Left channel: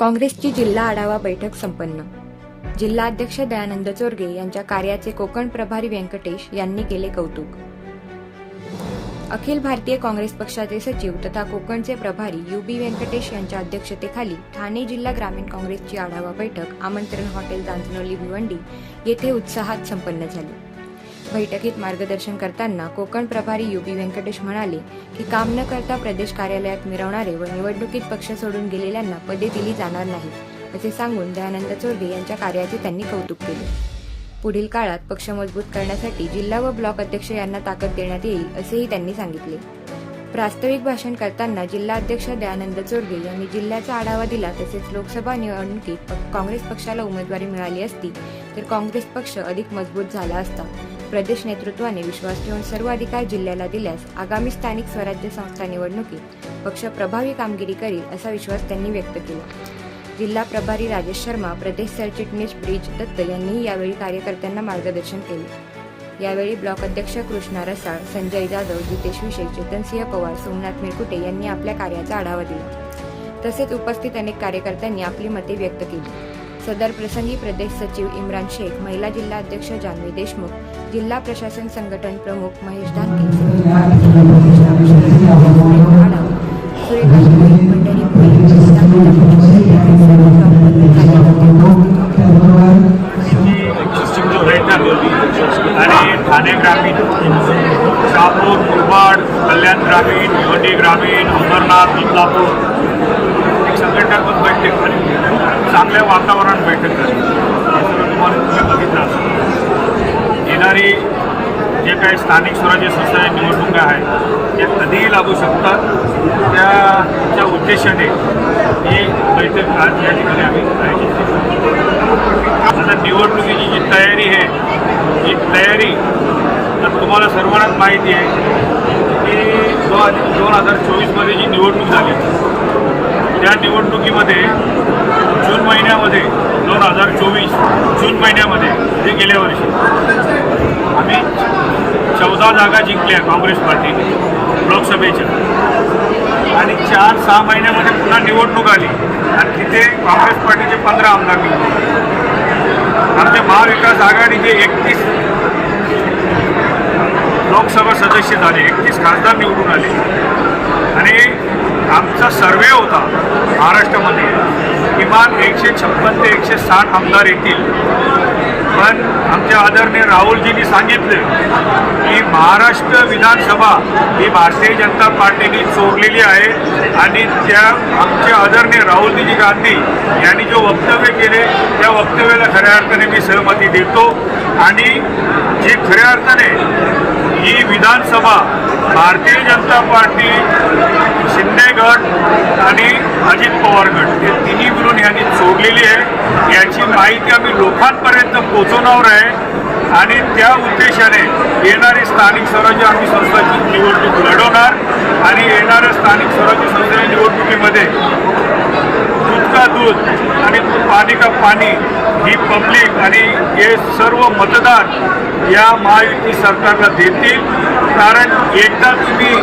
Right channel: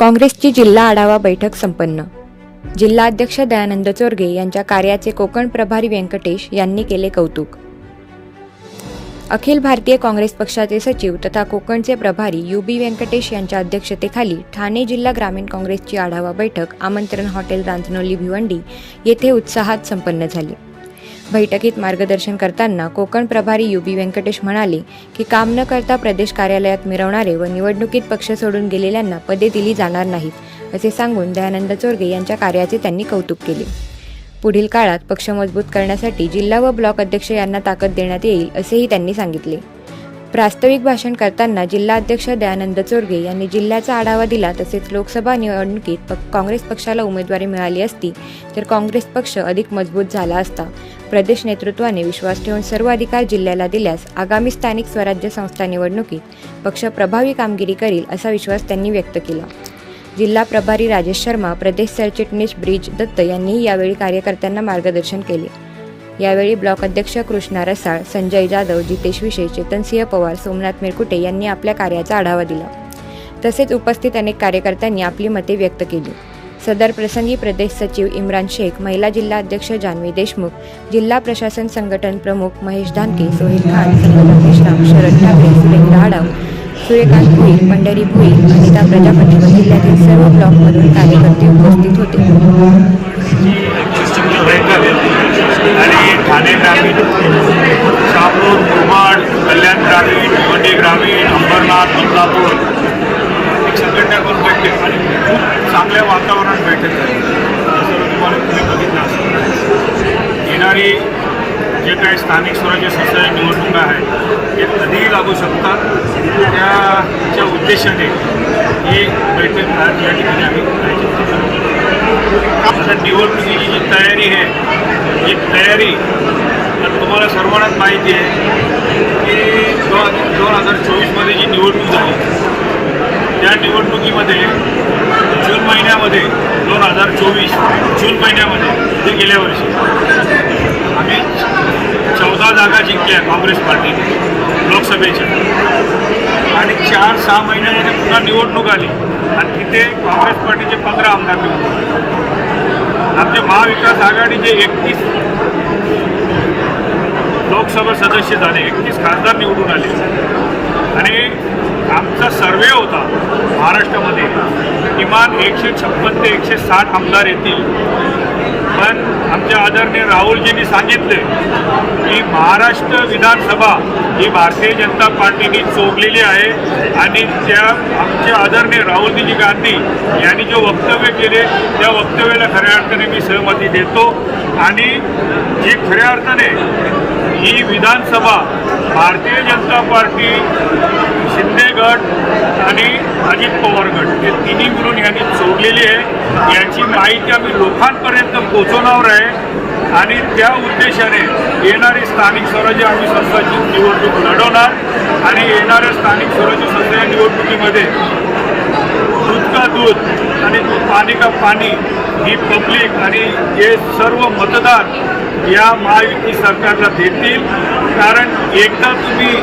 काँग्रेसची जिल्हा आढावा बैठक संपन्न. जिल्हाध्यक्ष दयानंद चोरगे यांच्या कार्याचे कोकण प्रभारी व्यंकटेश यांनी केले कौतुक. अखिल भारतीय काँग्रेस पक्षाचे सचिव तथा कोकणचे प्रभारी यू बी व्यंकटेश यांच्या अध्यक्षतेखाली ठाणे जिल्हा ग्रामीण काँग्रेसची आढावा बैठक आमंत्रण हॉटेल रांजनोली भिवंडी येथे उत्साहात संपन्न झाली. बैठकीत मार्गदर्शन करताना कोकण प्रभारी यू बी व्यंकटेश म्हणाले की काम न करता प्रदेश कार्यालयात मिरवणारे व निवडणुकीत पक्ष सोडून गेलेल्यांना पदे दिली जाणार नाहीत असे सांगून दयानंद चोरगे यांच्या कार्याचे त्यांनी कौतुक केले. पुढील काळात पक्ष मजबूत करण्यासाठी जिल्हा व ब्लॉक अध्यक्ष यांना ताकद देण्यात येईल असेही त्यांनी सांगितले. प्रास्ताविक भाषण करताना जिल्हाध्यक्ष दयानंद चोरगे यांनी जिल्ह्याचा आढावा दिला तसेच लोकसभा निवडणुकीत प- काँग्रेस पक्षाला उमेदवारी मिळाली असती तर काँग्रेस पक्ष अधिक मजबूत झाला असता प्रदेश नेतृत्वाने विश्वास ठेवून सर्व अधिकार जिल्ह्याला दिल्यास आगामी स्थानिक स्वराज्य संस्था निवडणुकीत पक्ष प्रभावी कामगिरी करील असा विश्वास त्यांनी व्यक्त केला. जिल्हा प्रभारी राजेश शर्मा प्रदेश सरचिटणीस ब्रिज दत्त यांनीही यावेळी कार्यकर्त्यांना मार्गदर्शन केले. यावेळी ब्लॉक अध्यक्ष कृष्णा रसाळ संजय जाधव जितेश विषय चेतनसिंह पवार सोमनाथ मिरकुटे यांनी आपल्या कार्याचा आढावा दिला. तसेच उपस्थित अनेक कार्यकर्त्यांनी आपली मते व्यक्त केली. सदर प्रसंगी प्रदेश सचिव इम्रान शेख महिला जिल्हा अध्यक्ष जान्हवी देशमुख जिल्हा प्रशासन संघटन प्रमुख महेश धानके सोहेल खान संगम शरद ठाकरे सुरेखा आडाव सूर्यकांत भुई पंढरी भुई अनिता प्रजापती जिल्ह्यातील सर्व ब्लॉकमधील कार्यकर्ते उपस्थित होते. आणि ठाणे ग्रामीण शहापूर मुरबाड कल्याण ग्रामीण भिवंडी ग्रामीण अंबरनाथ बदलापूर एक संघटनात्मक बैठक आणि खूप चांगल्या वातावरणात बैठक झाली. हे सर्व तुम्हाला तुम्ही बघितलं असं येणारी जे काही स्थानिक स्वराज्य संस्था निवडणुका आहेत त्या कधीही लागू शकतात. त्याच्या उद्देशाने ही बैठक आज या ठिकाणी आम्ही आयोजित आता निवडणुकीची जी तयारी आहे ही तयारी तर तुम्हाला सर्वांनाच माहिती आहे की दोन दोन हजार चोवीसमध्ये जी निवडणूक झाली त्या निवडणुकीमध्ये जून महिन्यामध्ये दोन हजार चोवीस जून महिन्यामध्ये म्हणजे गेल्या वर्षी. आम्ही चौदा जागा जिंकल्या काँग्रेस पार्टीने लोकसभेच्या. आणि चार सहा महिन्यामध्ये पुन्हा निवडणूक आली. आणि तिथे काँग्रेस पार्टीचे पंधरा आमदार निवडून आमचे महाविकास आघाडीचे एकतीस लोकसभा सदस्य झाले एकतीस खासदार निवडून आले. आणि आमचा सर्वे होता महाराष्ट्रामध्ये. किमान एकशे छप्पन ते एकशे साठ आमदार येतील. पण आमच्या आदरणीय राहुलजींनी सांगितलं की महाराष्ट्र विधानसभा ही भारतीय जनता पार्टीने चोरलेली आहे आणि त्या आमचे आदरणीय राहुलजी गांधी यांनी जो वक्तव्य केले त्या वक्तव्याला खऱ्या अर्थाने मी सहमती देतो. आणि जे खऱ्या अर्थाने ही विधानसभा भारतीय जनता पार्टी शिंदे गट आणि अजित पवार गट हे तिन्ही मिळून यांनी चोरलेली आहे. याची माहिती आम्ही लोकांपर्यंत पोचवणार आहे. आणि त्या उद्देशाने येणारी स्थानिक स्वराज्य आम्ही संस्थाची निवडणूक लढवणार. आणि येणाऱ्या स्थानिक स्वराज्य संस्थेच्या निवडणुकीमध्ये दूध का दूध आणि पाणी का पाणी ही पब्लिक आणि हे सर्व मतदार या महायुती सरकारला देतील. कारण एकदा तुम्ही